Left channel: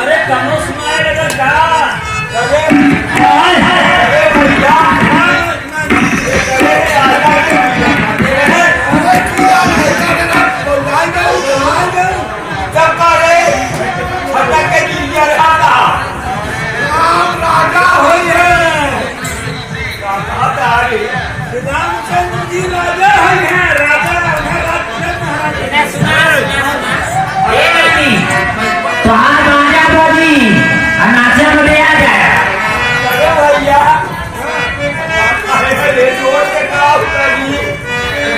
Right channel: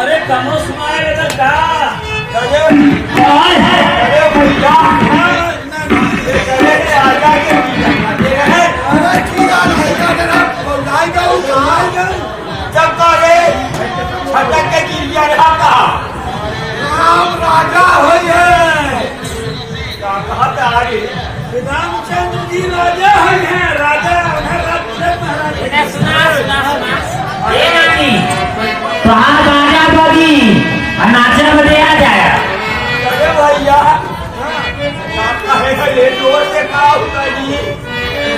अरे कमो सुनाएगा क्या? राजा हुई है रामचंद्र जी राजा हुई है राजा नाच्यामध्ये आ जाए अरे भैया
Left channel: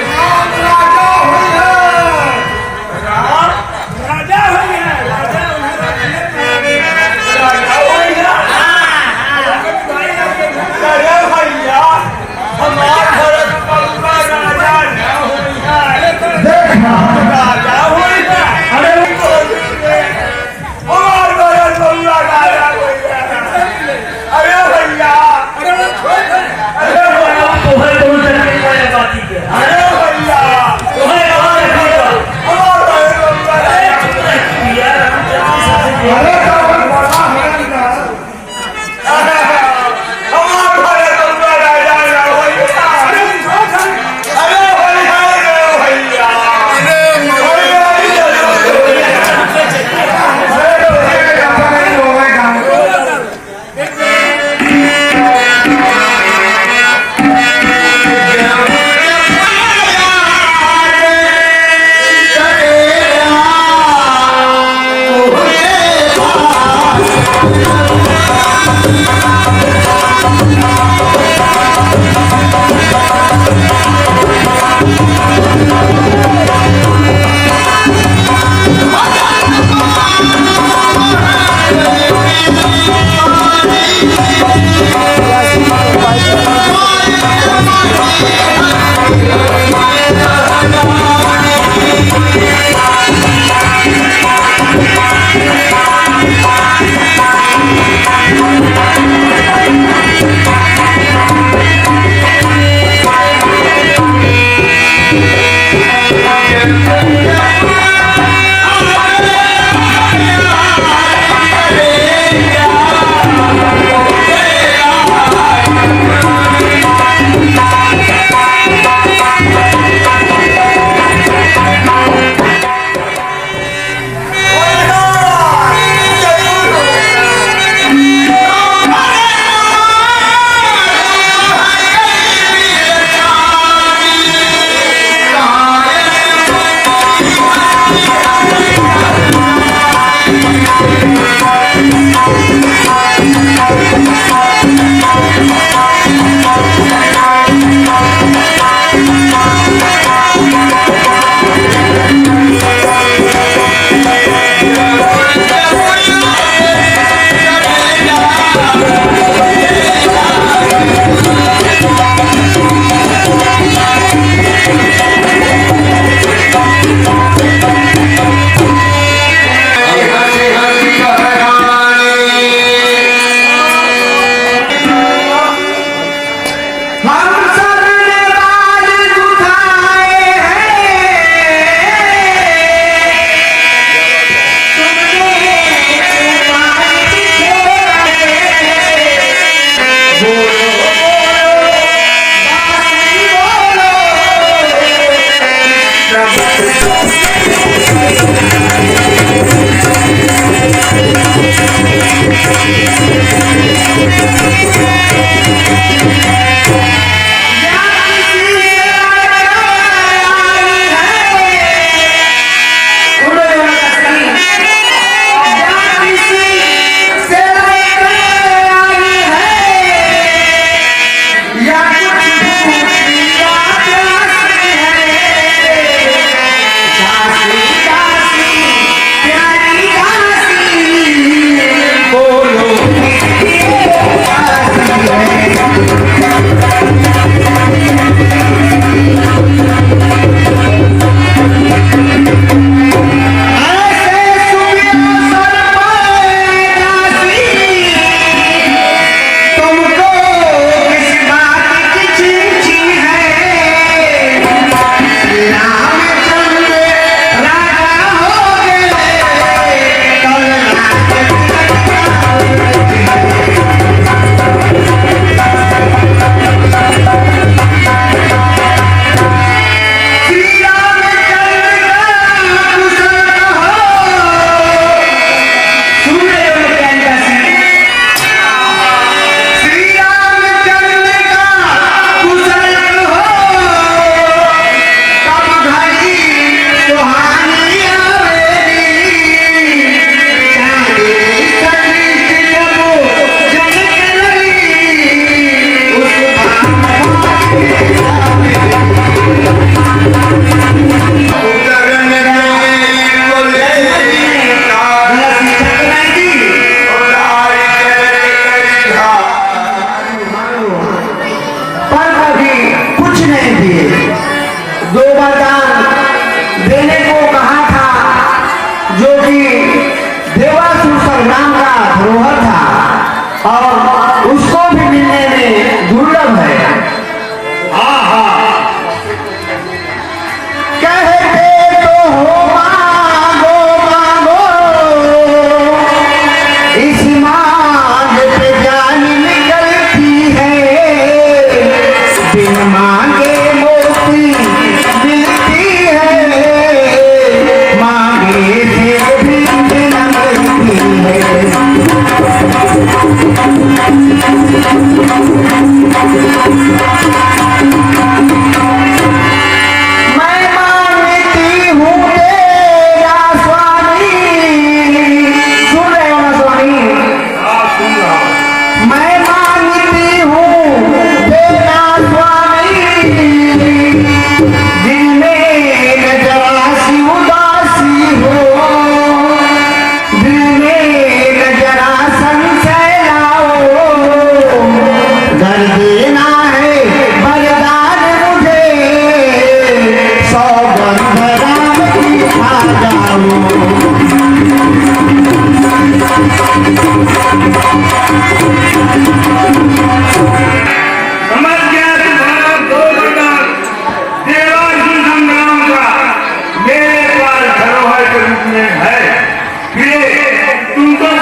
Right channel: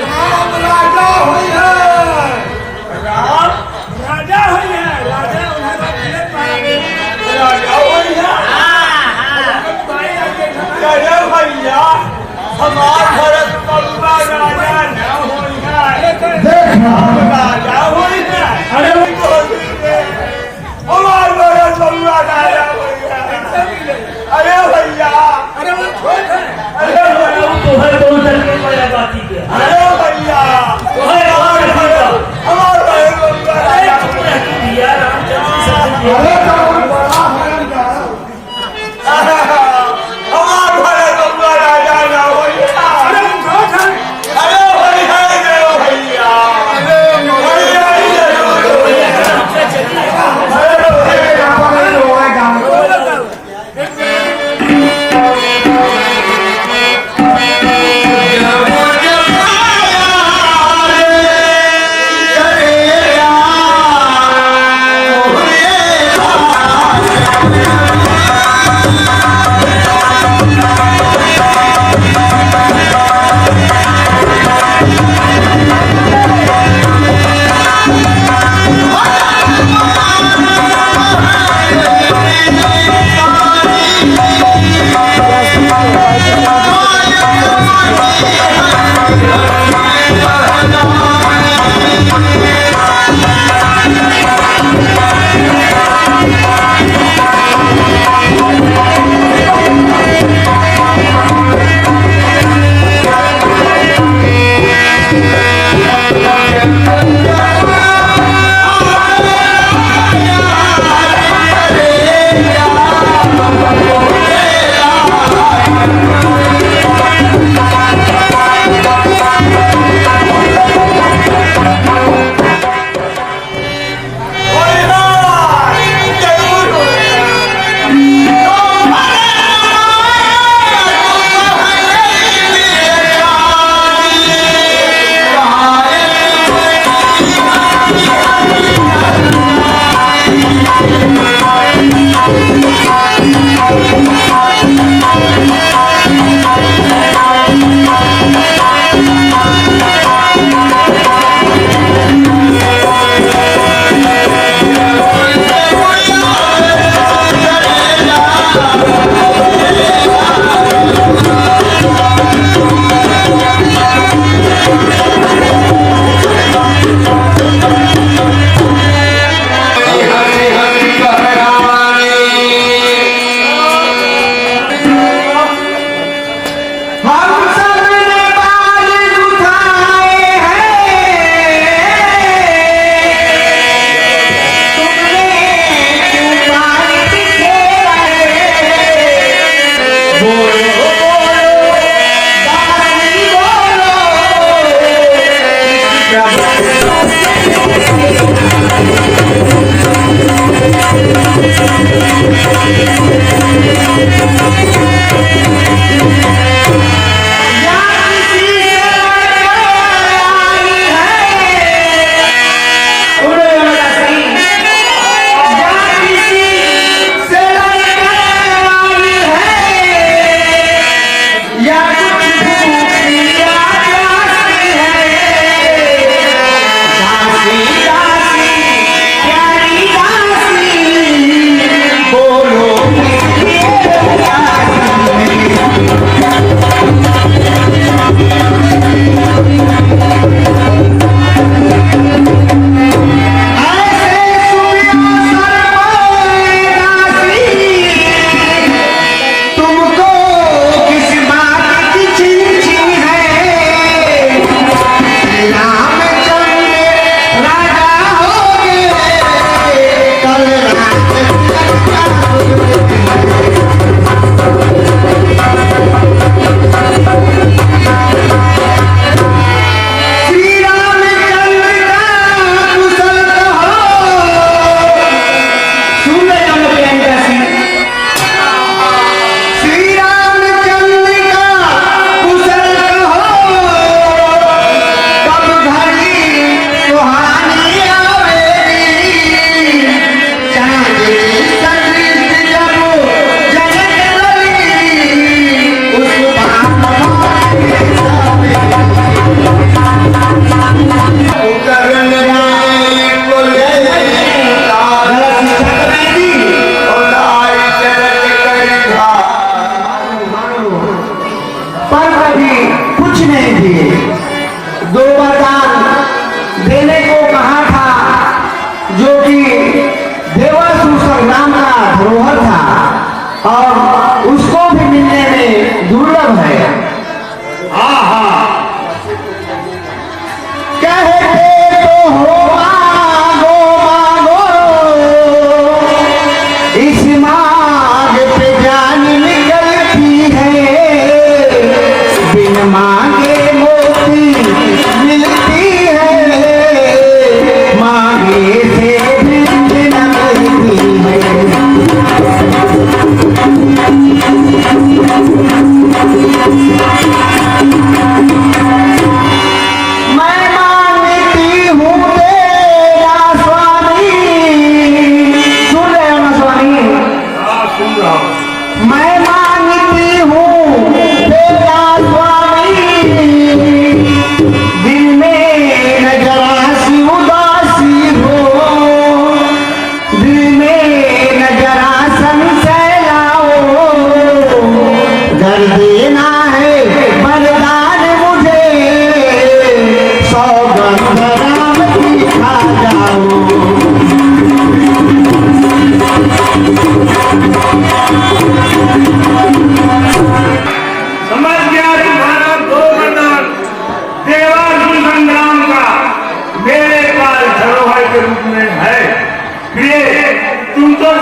राम राजा हुई है राम राजा हुई है राजा राजा हुई है अरे भैया हमारे घर पलुआ राजा न हुई है राजा हुई है अरे हमारे घर पलुआ राजा हुई है अरे भैया अरे अरे भैया हमारे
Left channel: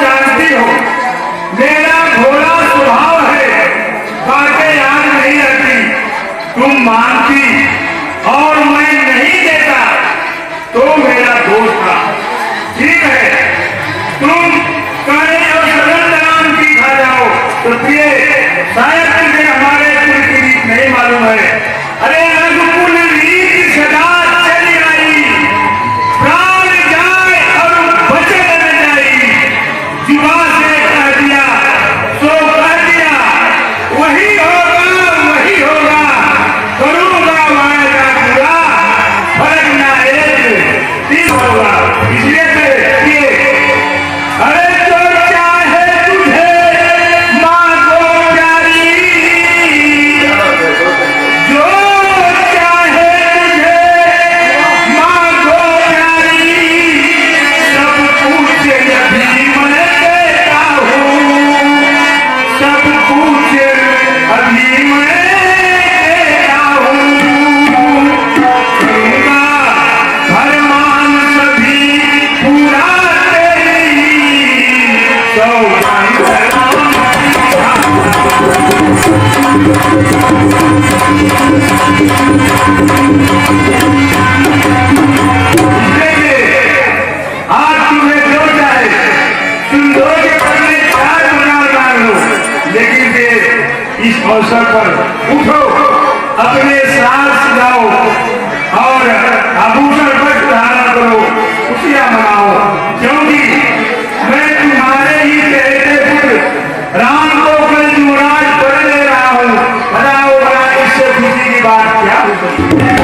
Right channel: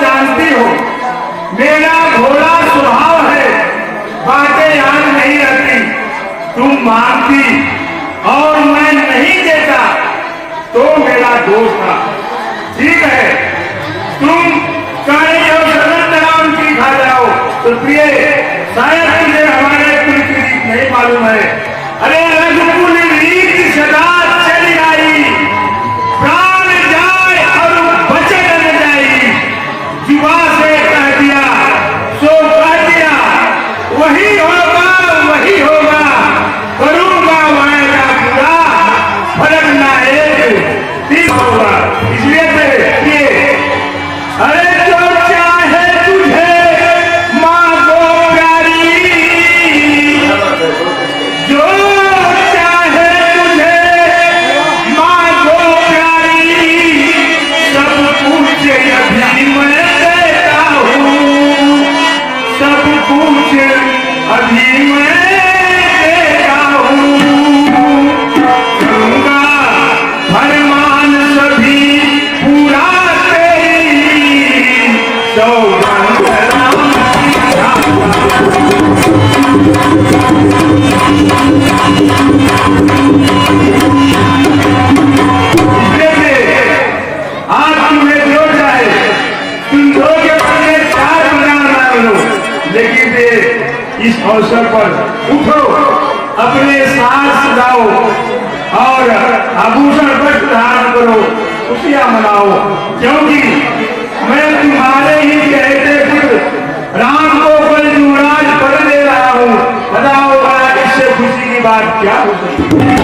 जानती हो मेरा भोला स्वभाव है, बातें याद नहीं रहती। तुम मानती और मैं नहीं देता तो मेरा दोष था। ठीक है, तुम कहे जो सदन नाम की खा जाओ तो प्रिय शायद तुझे हमारे कुल की रीत नहीं मालूम है। अरे रघुकुल रीत सदा चली आई, प्राण जाए और बचन न जाई। जुबा से कह दिया सो कह दिया, वही होगा वही होगा, करूंगा वायदा पूरा, फर्क ना एक दिन होगा। इसलिए अरे जो चाहे तुझे माँ को प्यारी, जो चाहे तुझे माँ को प्यारी, सब कुछ अभी मैं देता हूँ, सब कुछ अभी मैं देता हूँ। करूँगा फरमान सभी पूरा तेरी, तो आज तुम्हें जो चाहे तुम दो के बदले 4 गुना मार लो, लेकिन इस अवसर पर उठो, अपने साथ सजाओ और आभूषण वस्त्र धारण करो, खुशियां मनाओ, क्योंकि मैं तुम्हारे ही कहते फिर राम को कल युवराज बन ले रहा हूँ। बताओ इससे खुशी की बात क्या हो सकती है?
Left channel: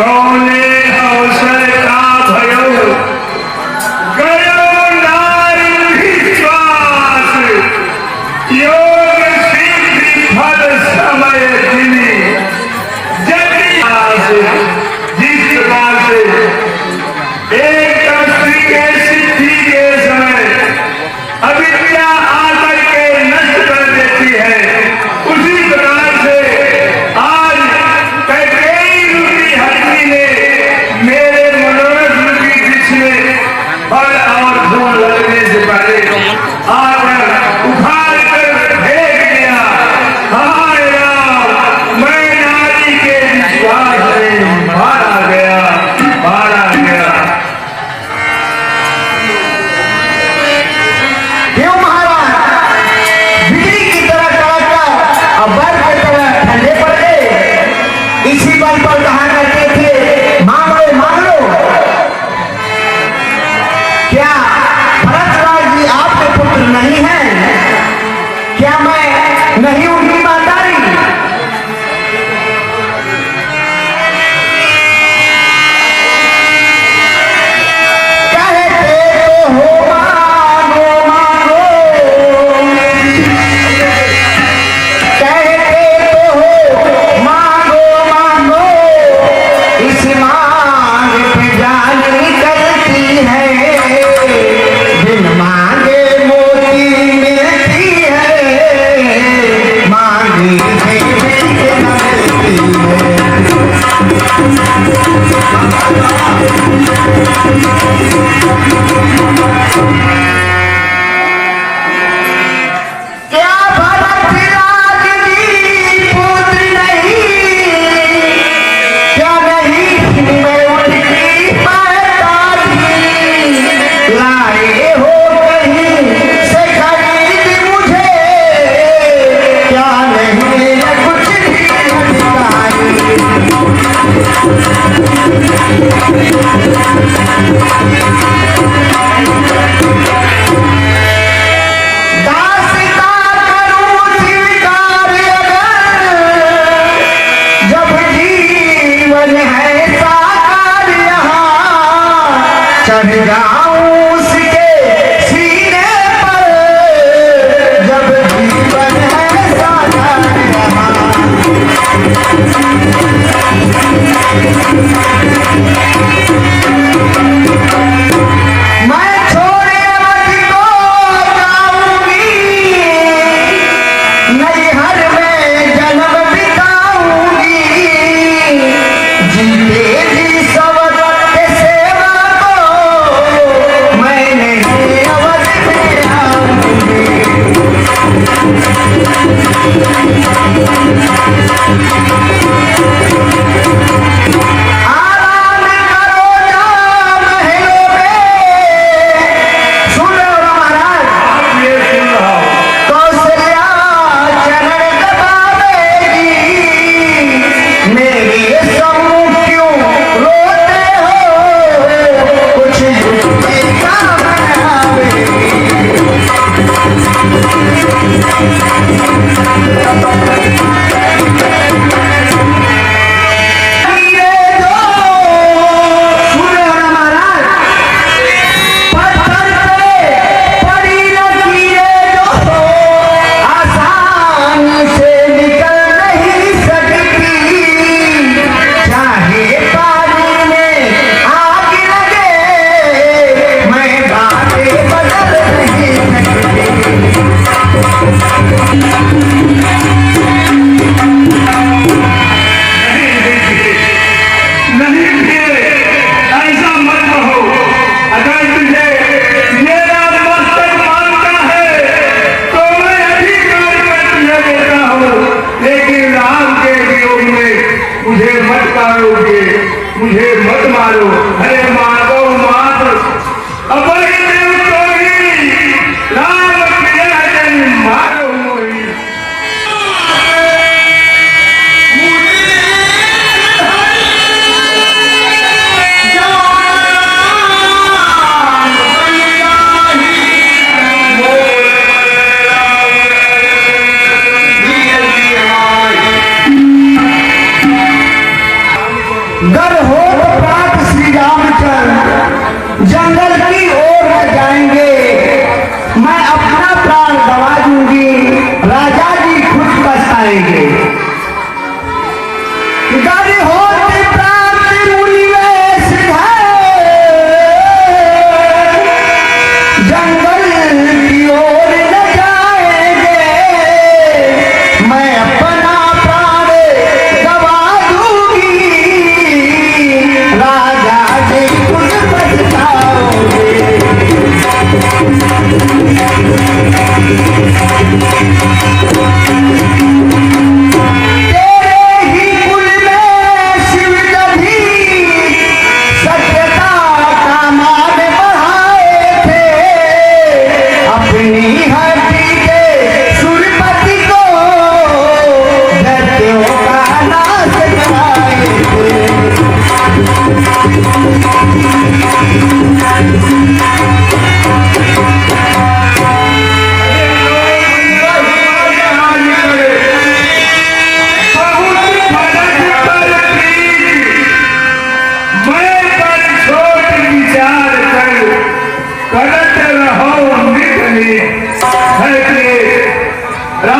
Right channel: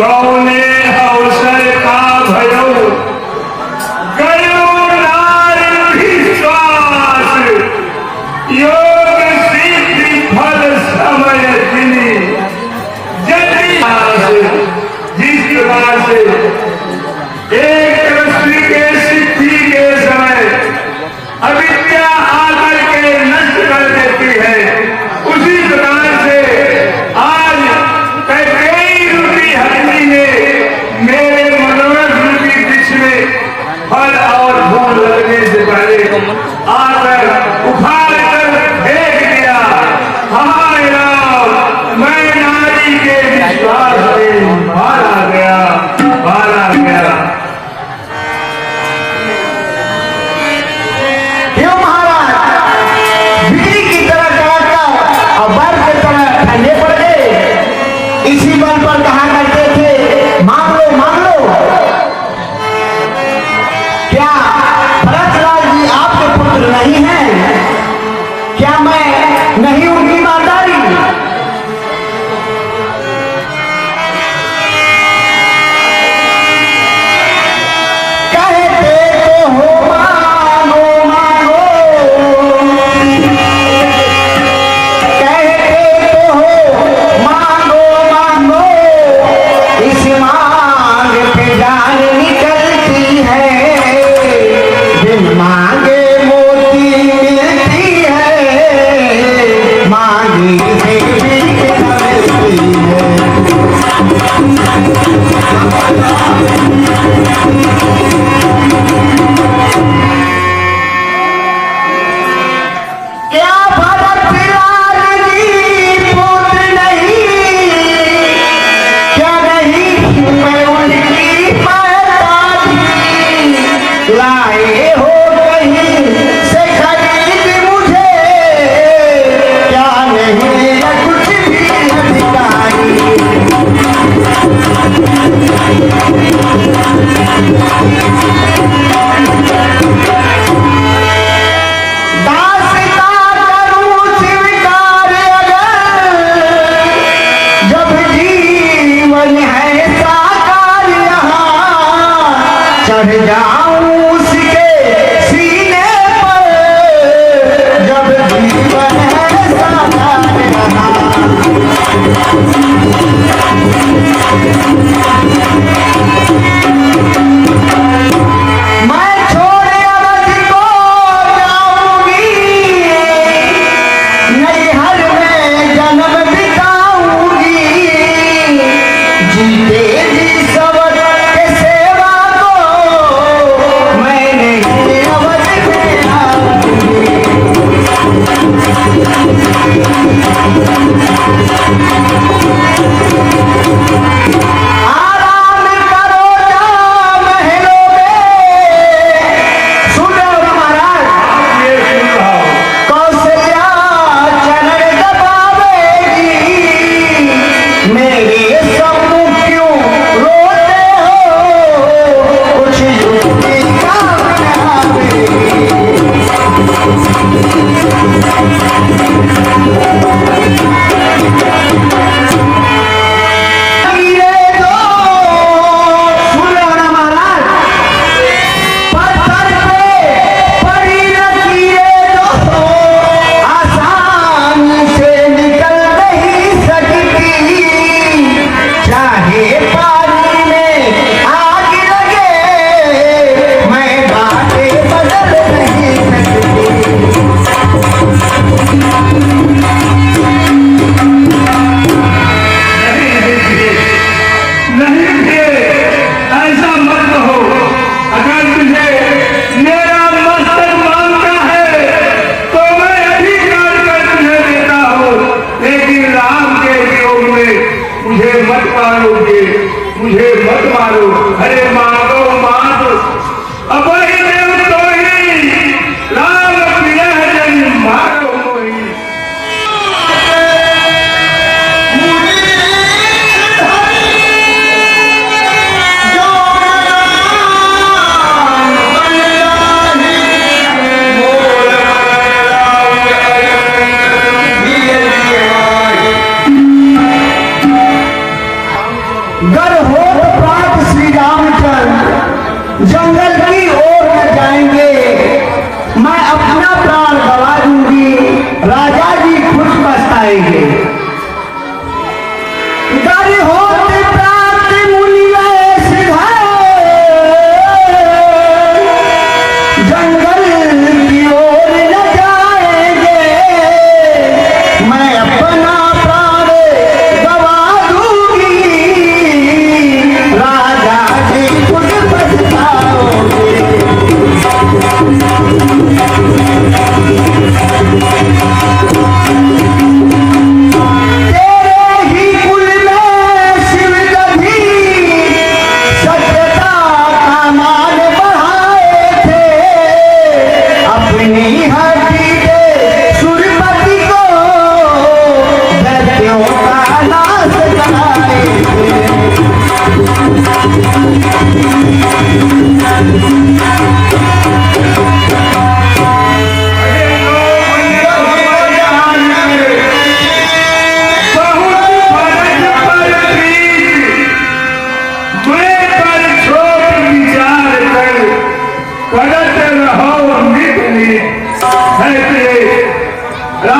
कौने अवसर का भयो गयो नार विश्वास योग सिद्धि फल समय दिनी जिस प्रकार से एक दृष्टि के सिद्धि के समय अविद्या आकर के नष्ट कर देती है, उसी प्रकार से आज कैकेयी रूपी हस्ती ने मेरे मनोरथ रूपी वृक्ष में फल और फूल लगने से पहले आकर उखाड़ कर फेंक दिया। हाय राम, मैं नारी के विश्वास से मारा गया। क्यों महाराज बिजली की तरह कड़ककर और बर्फ की तरह ठंडे पड़ गए? इसी बल पर कहा करते थे मांग लो मांग लो। क्या भरतलाल जी आपके पुत्र नहीं हैं? क्या मैं नहीं उनकी ईमानदारी? कहते तो हो मानो मानो, कहते तो हो मानो मानो, इस मांग पे जान निकलती है, बिन मांगे मोती मिलती है, मांगी से भीख मिलती है। क्या भरतलाल जी पुत्र नहीं? क्या नहीं मैं उनकी महतारी? लाए हो कहीं से खरीद मुझे, क्या नहीं है कुछ भी अधिकारी? दासिता करूं स्वीकार अगर, जब जीवन है साकार यहाँ, चढ़ जाऊं उसके सीने पर, जब जीवन है साकार यहाँ। मैं छोड़े अवध को जाऊंगी, नैहर में जन्म बिताऊंगी, जीते जी सब के सेवा को मैं नहीं अवध में आऊंगी। आराम करो जा महलों में, सुन रहे हो ना महाराज? ये सुन रहा हूं। कौशल्या चरण दबावेगी, मेरे सम्मुख क्यों रोते हो? कुछ युक्ति काम आवेगी। हीरे दो, सुन रहे हो ना महाराज? पत्थर पे पड़ी लकीरें जो आसानी से निकल नहीं सकती, चाहे पानी में आग लगे, मैं बातें बदल नहीं सकती। नहीं थे, ऐसा मत कहो। अगर तुझे मेरा मस्तक मांगता है तो मैं अधिकार कर तुझे देता हूँ, लेकिन राम के वियोग में मुझे मत मारोगे, मुझे मत मारो। अरे मारो मात अपने देव तो ही राम प्रिय जन मारो मोही। गर हो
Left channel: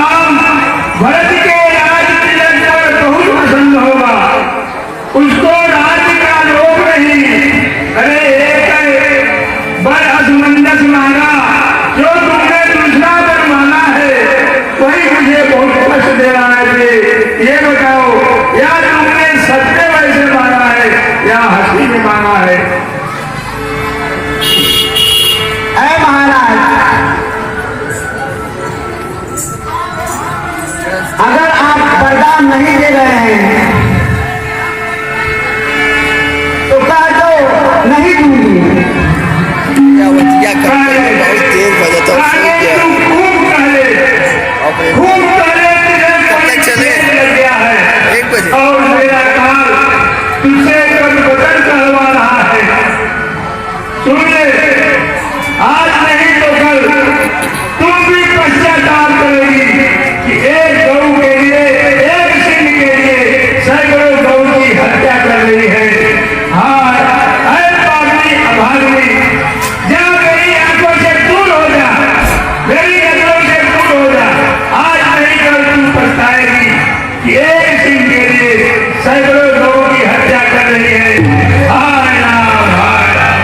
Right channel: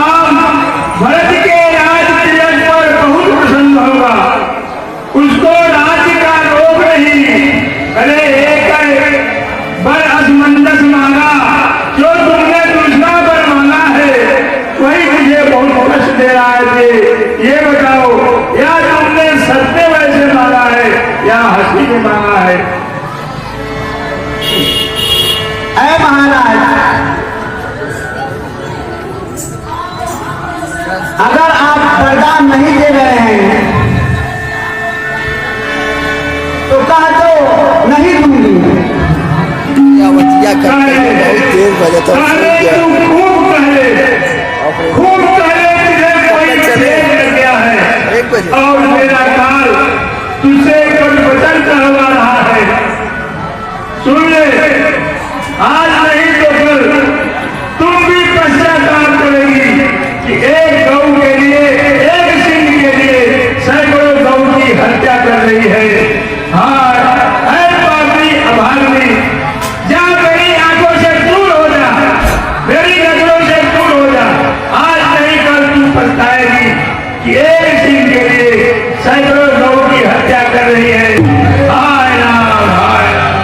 राम भरत के राज तिलक पर बहुत प्रसन्न होगा, उसको राज्य का लोभ नहीं। अरे एक बर असमंजस माना, जो तुमने दूसरा बर माना है वही मुझे बहुत कष्ट दे रहा है। ये बताओ, या तुमने सत्य वैसे माना है या हंसी में माना है? ऐ महाराज, अगर आप वरदान नहीं दे रहे हैं तो कह दो नहीं दूंगी। बहुत देर बजा था, सो गया। खूब पहले कब तक चले? लग गया है 1 बजे। और मेरा काल तुझसे कुछ वचन कहवा रहा है। सुन ले, आज नहीं तो कल तुम भी पश्चाताप करेगी कि एक गौ के लिए, एक सिंह के लिए सैकड़ों गौ की हत्या कर रही है। हाँ, ऐ पापी अभागी, जा मेरी आंखों से दूर हो जा, मेरी नजरों से दूर हो जा। आज नहीं कल तू पछताएगी कि एक सिंह के लिए सैकड़ों गौ की हत्या कर रही है। हाय राम, हाय राम।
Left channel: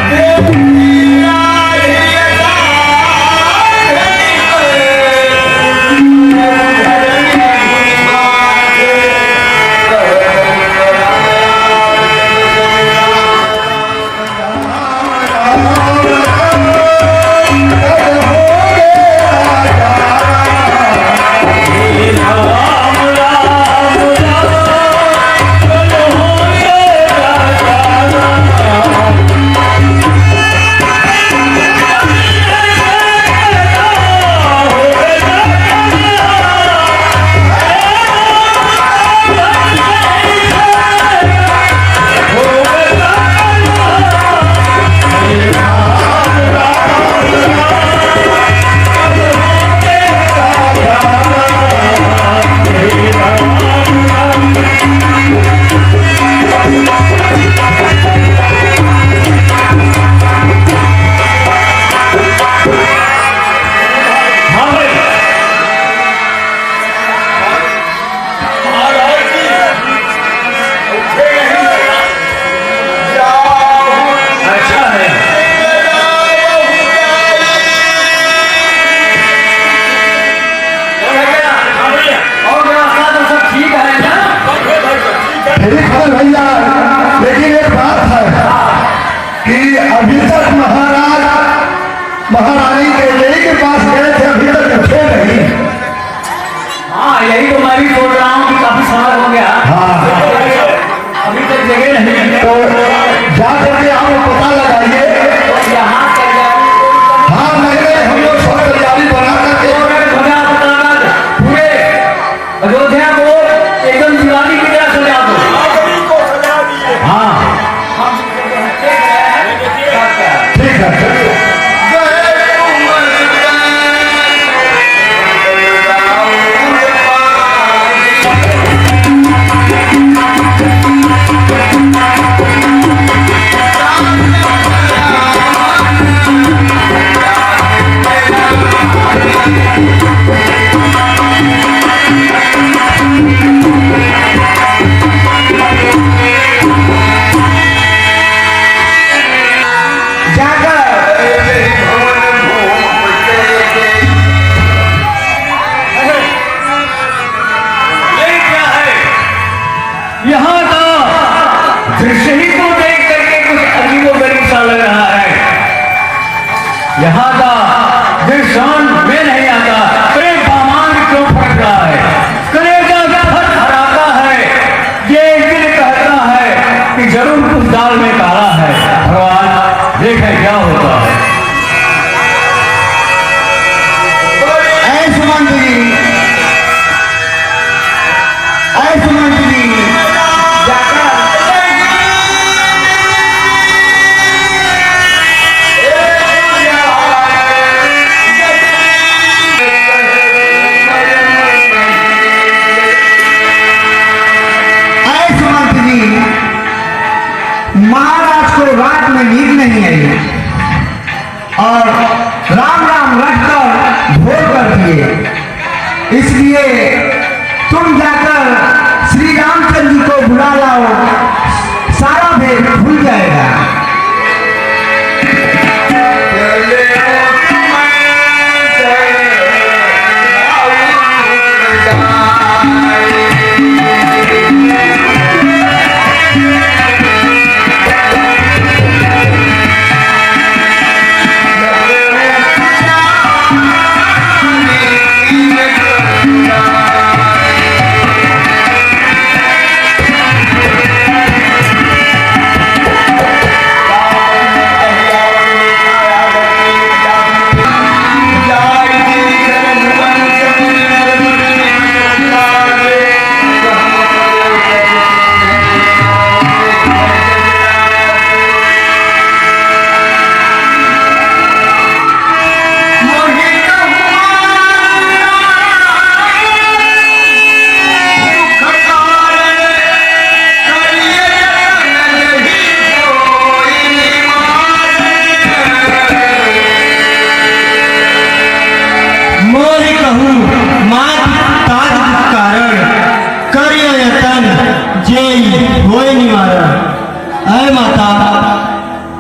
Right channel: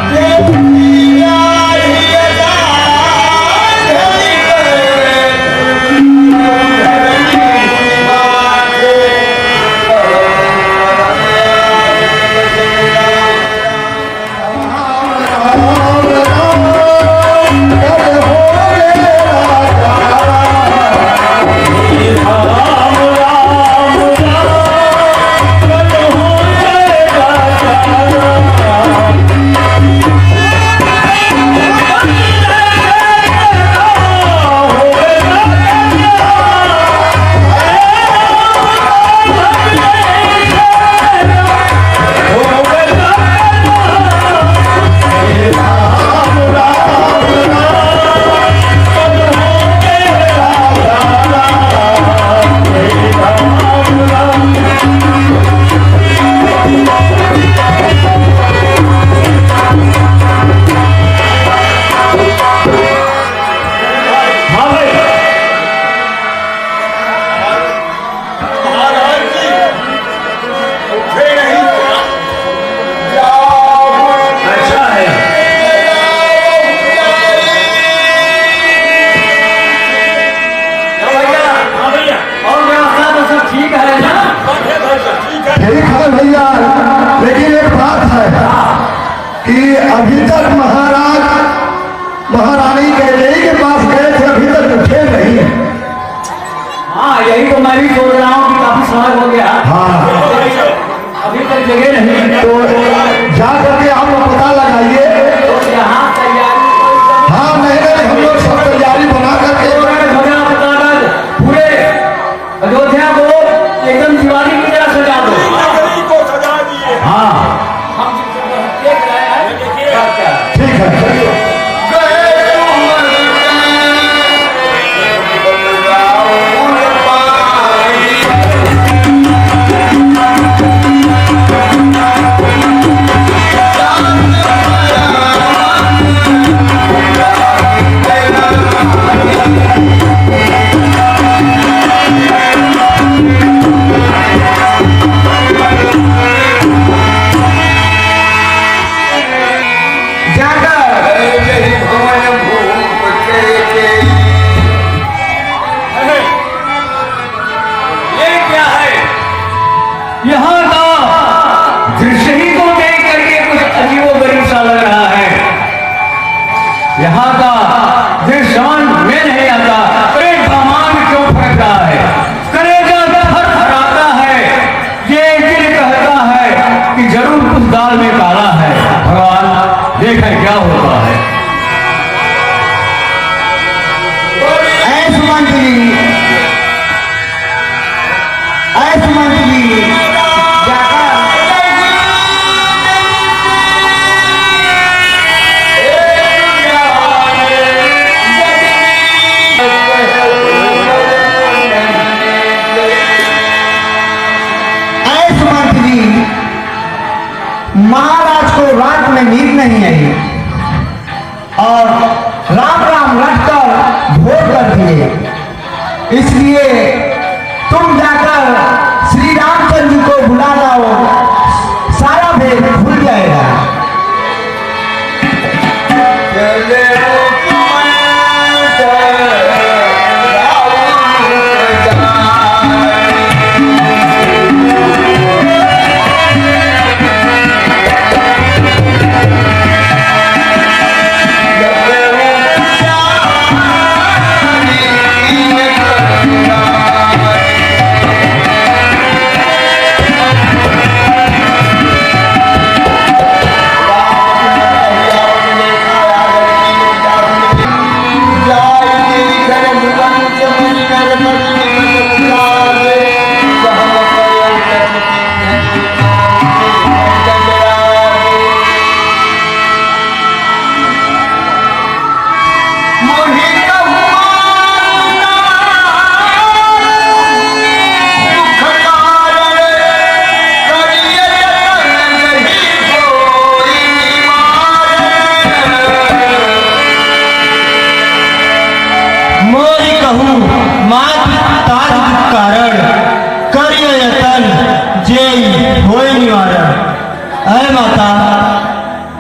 भैया, लेकिन एक बात है कि अभी तक महाराज महारानी कैकेयी के पास गए थे, अभी तक उठे नहीं। हाँ, यही तो मैं भी बोल रहा हूँ कि काफी समय हो गया, हाँ, अभी तक जगह नहीं। तो जा करके आप पता लगाइए। यहाँ तैयारी हाँ, नहीं हम लोग सब तैयारी बना करके पूरे अयोध्या को एकदम दीवानी की तरह सजा दो। नागरी को सजा दिए। हाँ, ठीक है। यहाँ का दृश्य ही को देख करके कुछ अजीबोगरीब सा लग रहा है। यहाँ का दृश्य में नहीं आता। अरे दामाद क्यों फट रहा है, कलेजा फटफटाता है। ये दिल कहता है कि जरूर कुछ दाल में काला है। भगवान देखें क्या होता है। ऐसे मंत्री महाराज को रात में नींद नहीं आई और राम राम रटकर भोर कर दिए। इसलिए तुम जाकर श्री रामचंद्र जी को बुला लाओ, सारा भेद भूल जाएगा।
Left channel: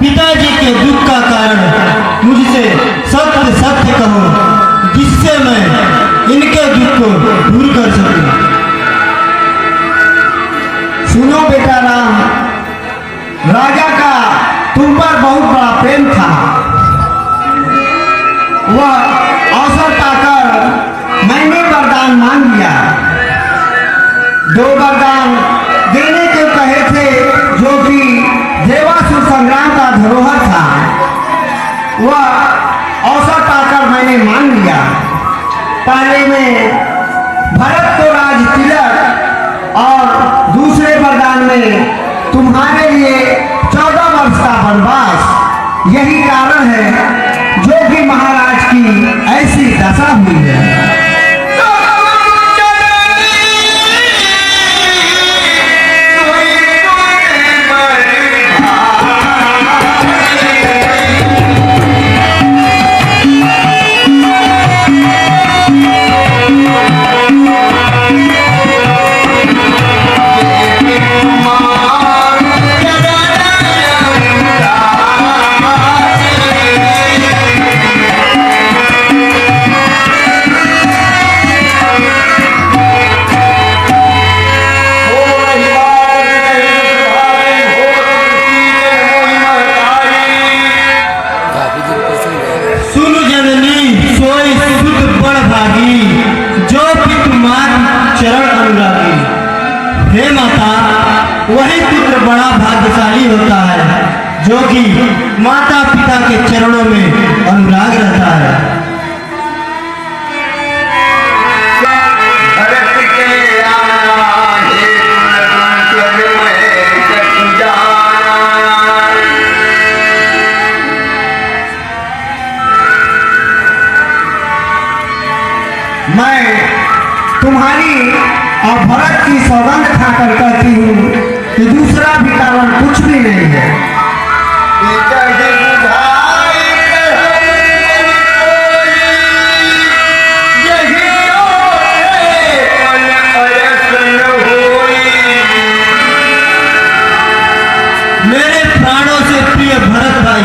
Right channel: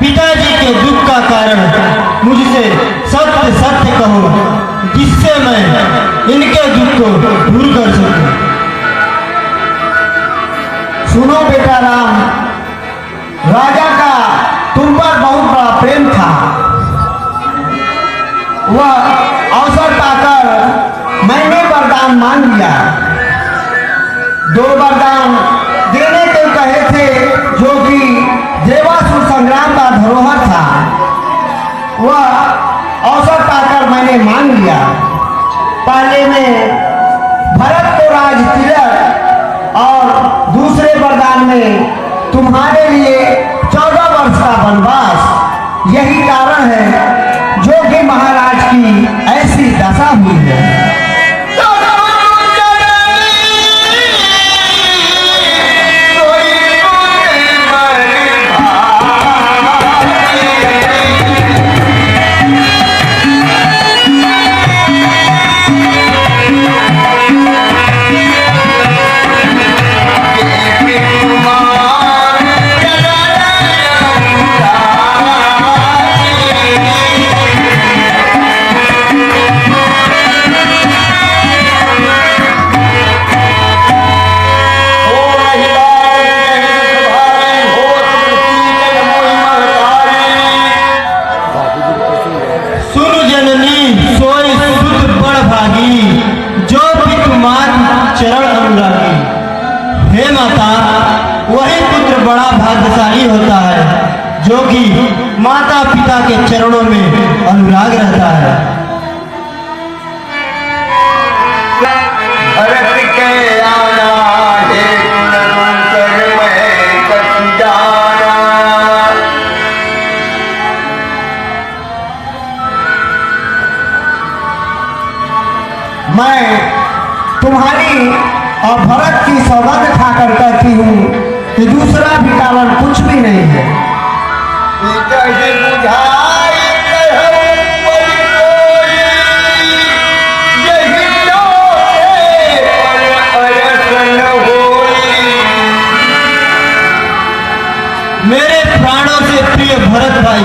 पिताजी के दुख का कारण मुझसे सत्य सत्य कहो, जिससे मैं इनके दुख को दूर कर सकूं। सुनो बेटा राम, राजा का तुम पर बहुत बड़ा प्रेम था। वह अवसर पाकर मैंने वरदान मांग लिया। 2 वरदान देने को कहे थे, जो कि देवासुर संग्राम का धरोहर था। वह अवसर पाकर मैंने मांग लिया। पहले में भरत को राज तिलक और दूसरे वरदान में तुम्हारे लिए 14 वर्ष का वनवास। यही कारण है जो कि महाराज की ऐसी दशा हुई है। हे माता, वही पुत्र बड़ा भाग्यशाली होता है जो कि माता पिता के चरणों में अनुराग रहता है। भरत के आना हे जाना। मैं तुम्हारी और भरत की सौगंध खाकर कहती हूँ कि दूसरा भी कारण कुछ भी नहीं है। मेरे प्राणों से प्रिय भरत भाई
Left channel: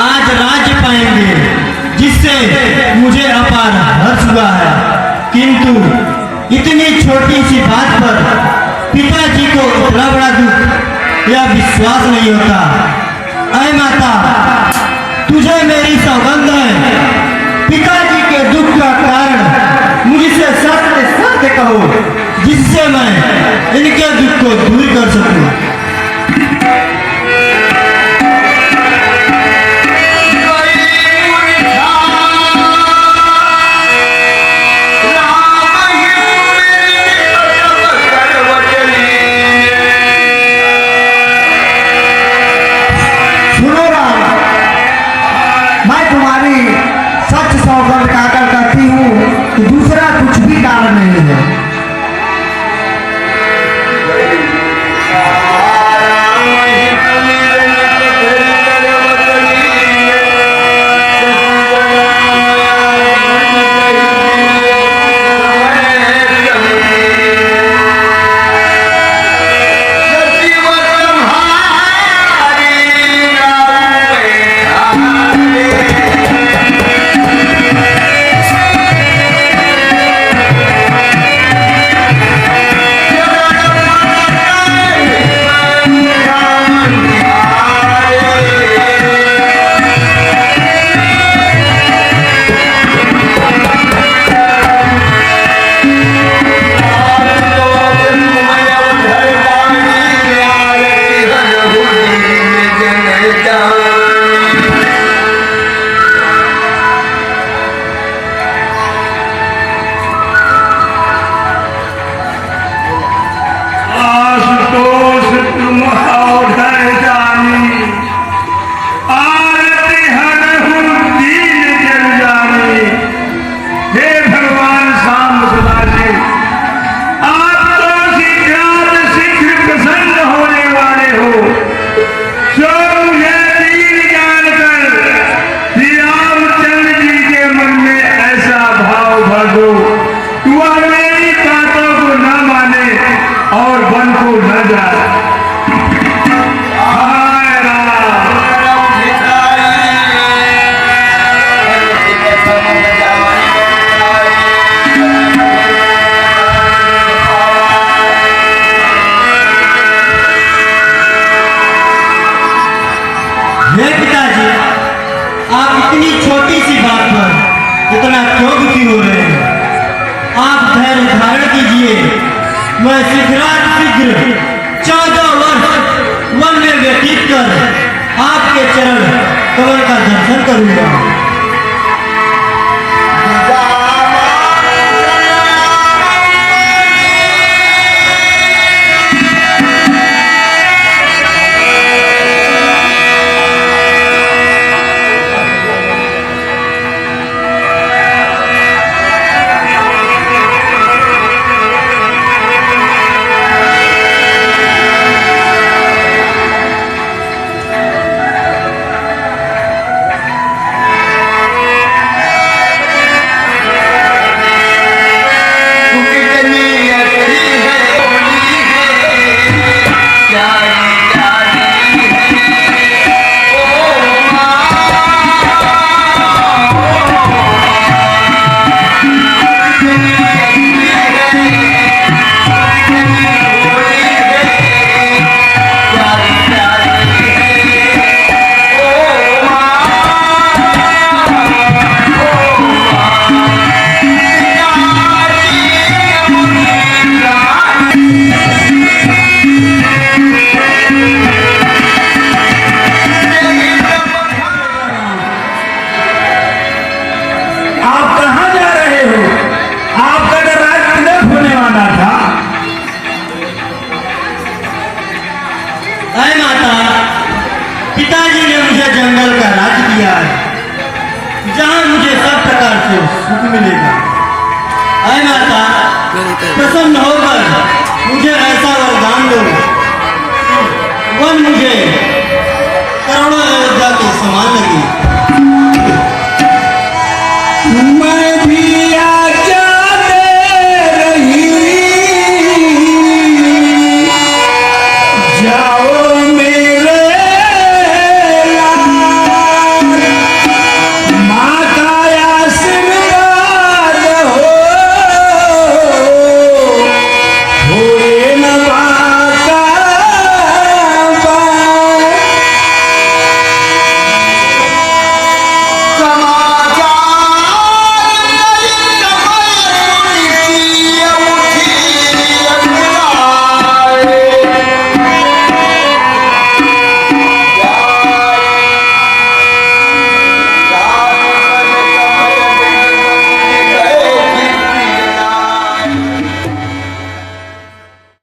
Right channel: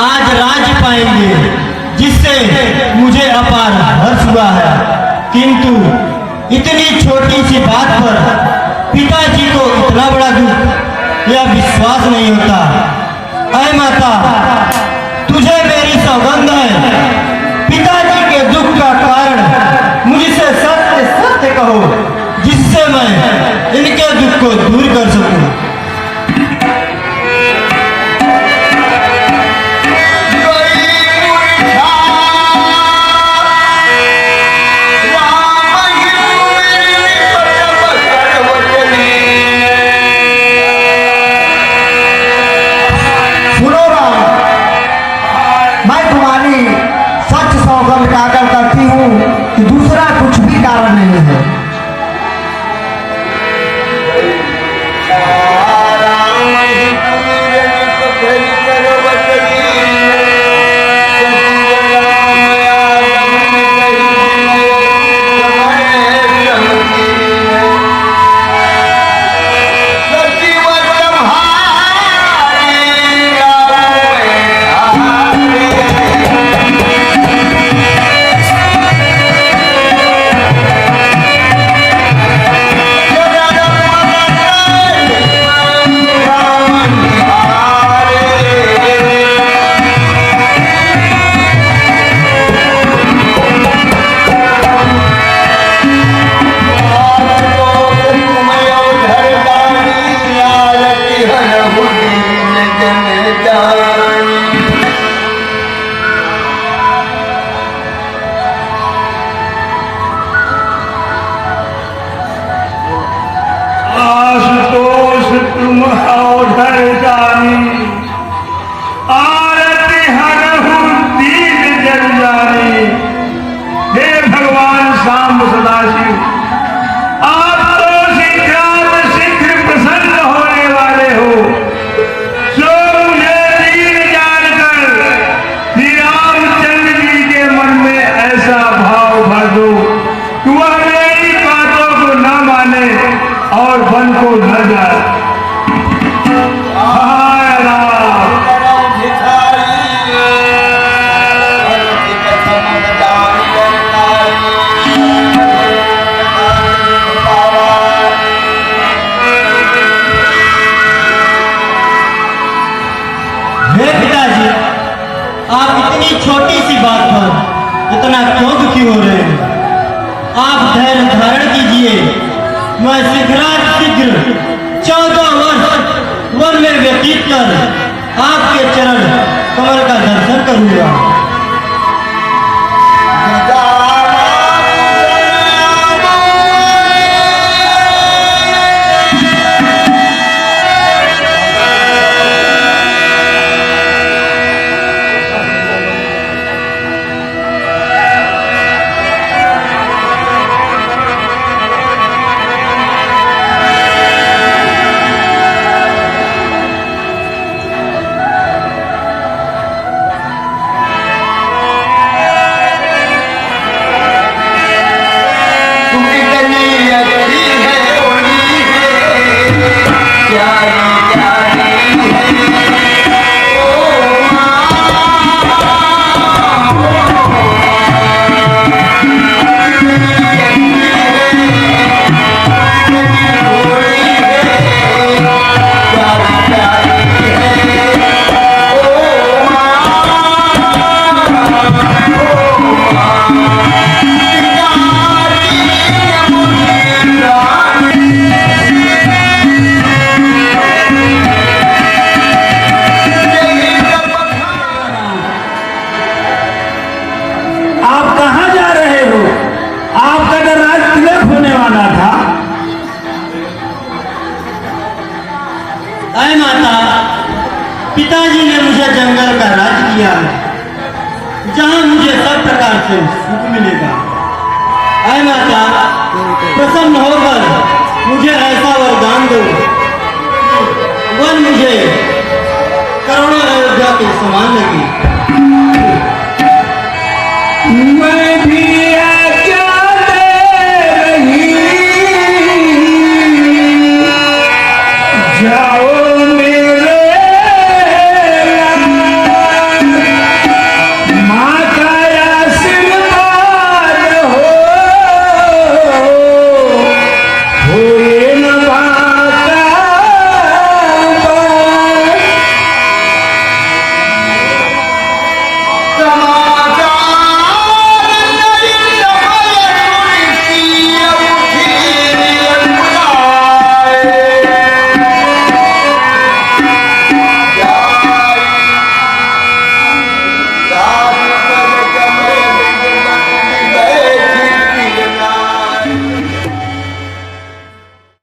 आज राज्य पाएंगे, जिससे मुझे अपार हर्ष हुआ है। किंतु इतनी छोटी सी बात पर पिताजी को इतना बड़ा दुख या विश्वास नहीं होता। ऐ माता, तुझे मेरी सौगंध है, पिताजी के दुख का कारण मुझसे सत्य सत्य कहो, जिससे मैं इनके दुख को दूर कर सकूं। दूसरा कुछ भी कारण नहीं है। आप कहाँ जा रहे हो? आपका तो राज तिलक होने वाला था। अय माता, पिताजी ने मुझे जंगल का राज दिया है, जहाँ मुझे सब प्रकार से सुख मिलेगा। अय माता, प्रसन्न होकर मुझे ऐसा वरदान दो, वन मुझे करोड़ों अयोध्या के समान लगे।